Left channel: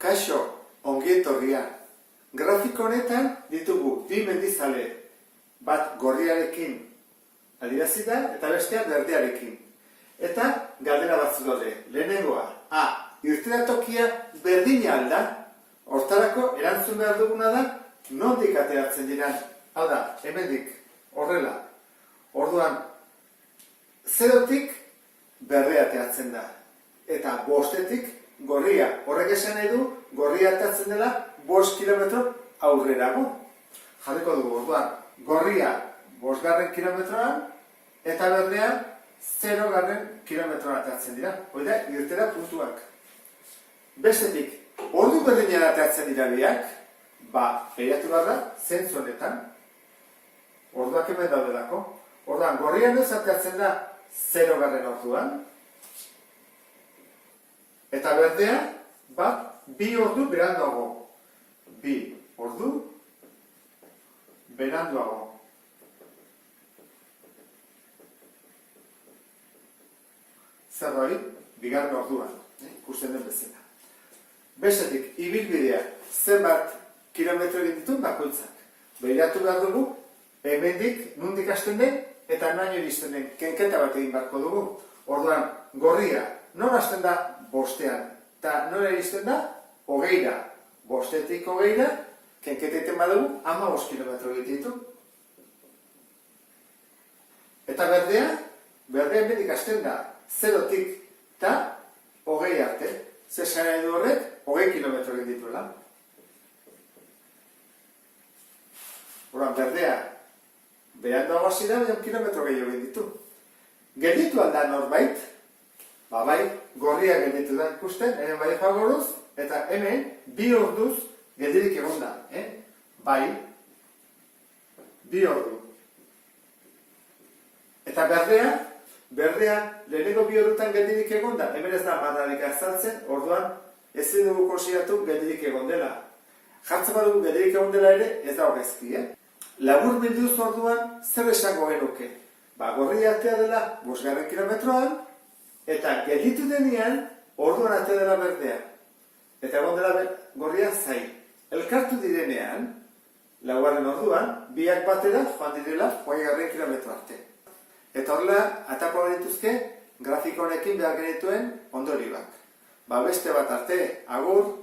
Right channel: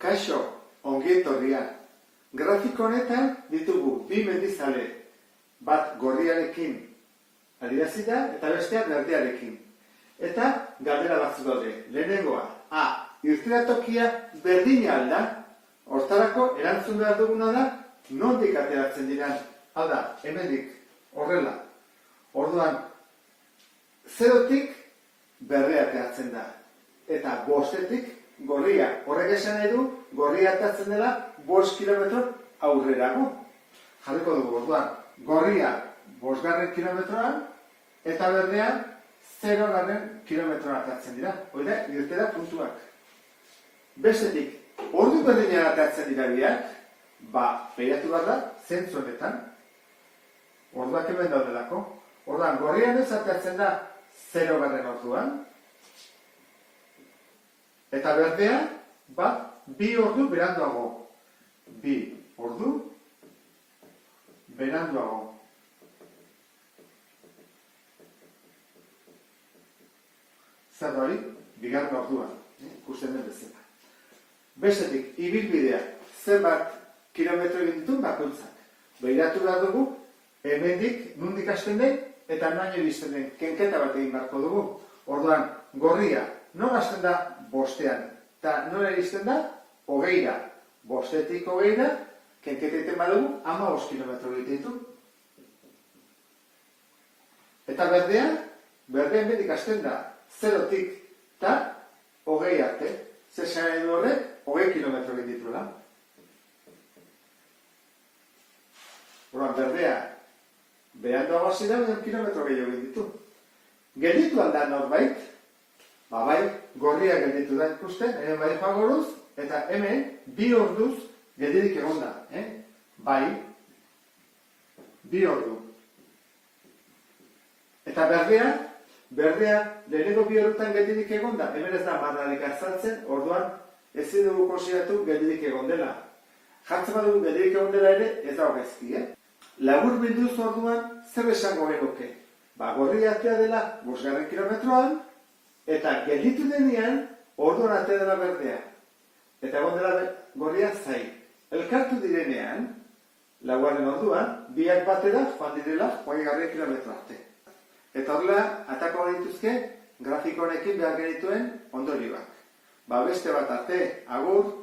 Kaixo, ongi etorria. Grafiko honetan ditugu bi mendizale, bat gorriarekin adierazi da eta bestea berdearekin. Eta galdera batzuk daude. Lehenengoa, irteeratokia berdina al da? Hortarako erantzun behar duguna da nondik ateratzen diran. Hau da, hemendik, horrela. Orduan, zerotik berdea ateratzen da. Eta bostetik gorria. Horrek esan nahi du, gorria ateratzen dela 5 kilometro aurrerago. Jarriko dugu, orduan, gorria 5 kilometroan eta berdea 0 kilometroan ateratzen dira. Hoi da, irtera puntuak. Bestetik, ordu berdinean ateratzen dira biak, behiratu behar da, zentzu honetan, orduak hemen daudelako. Orduan, gorrian ez ateratzen da 0 orduan, eta berdea, 2 ordu beranduago. 2 ordu beranduago. Zer hori, 2 orduan, ikusten den bezala. Bestetik, ibilbidea, zenbat kilometro egin ditu bakoitzak. Behiratu behar dugu, hemendik nondik hasten den, eta nahi iristen den, kenketa bat egin beharko dugu. Orduan, gorria, nora hasten da 5ean, eta nora iristen da 20ra. 5etik 20ra, kenketa egiten badugu, 15 kilometro egiten ditu. Eta berdea hemendik hasten da, 0tik eta 20 arte. Zer nahi du horrek, 20 kilometro egin dituela. Orduan, berdea, beranduago hasi da, 1 kilometro gehiago egin ditu. Gelditu alda norbait, bai, gorria gelditu da ikusten, hemen bai jagoruz, eta hemen 2 orduz geldirik egon da. Bai, 2 ordu. Eta berdea lehenengo 2 ordutan geldirik egon da, hemen ez da marrarik azaltzen, orduan ezin dugu konsideratu geldirik egon dela. Jartzen badugu geldirik egon dela ere, ez da hogezki, Labur bilduz orduan, zer esango genuke? Gorria atea dela 5 kilometroan, eta gelditu denean, orduan atea dela berdea. Eta egon dela gorria zain. Elkartu direnean, 4 orduan, biak batera joan direla 20 kilometro arte. Eta horrela, atako genituzke, grafiko honekin behar genituen ondorioak. Beste bat arte, agur!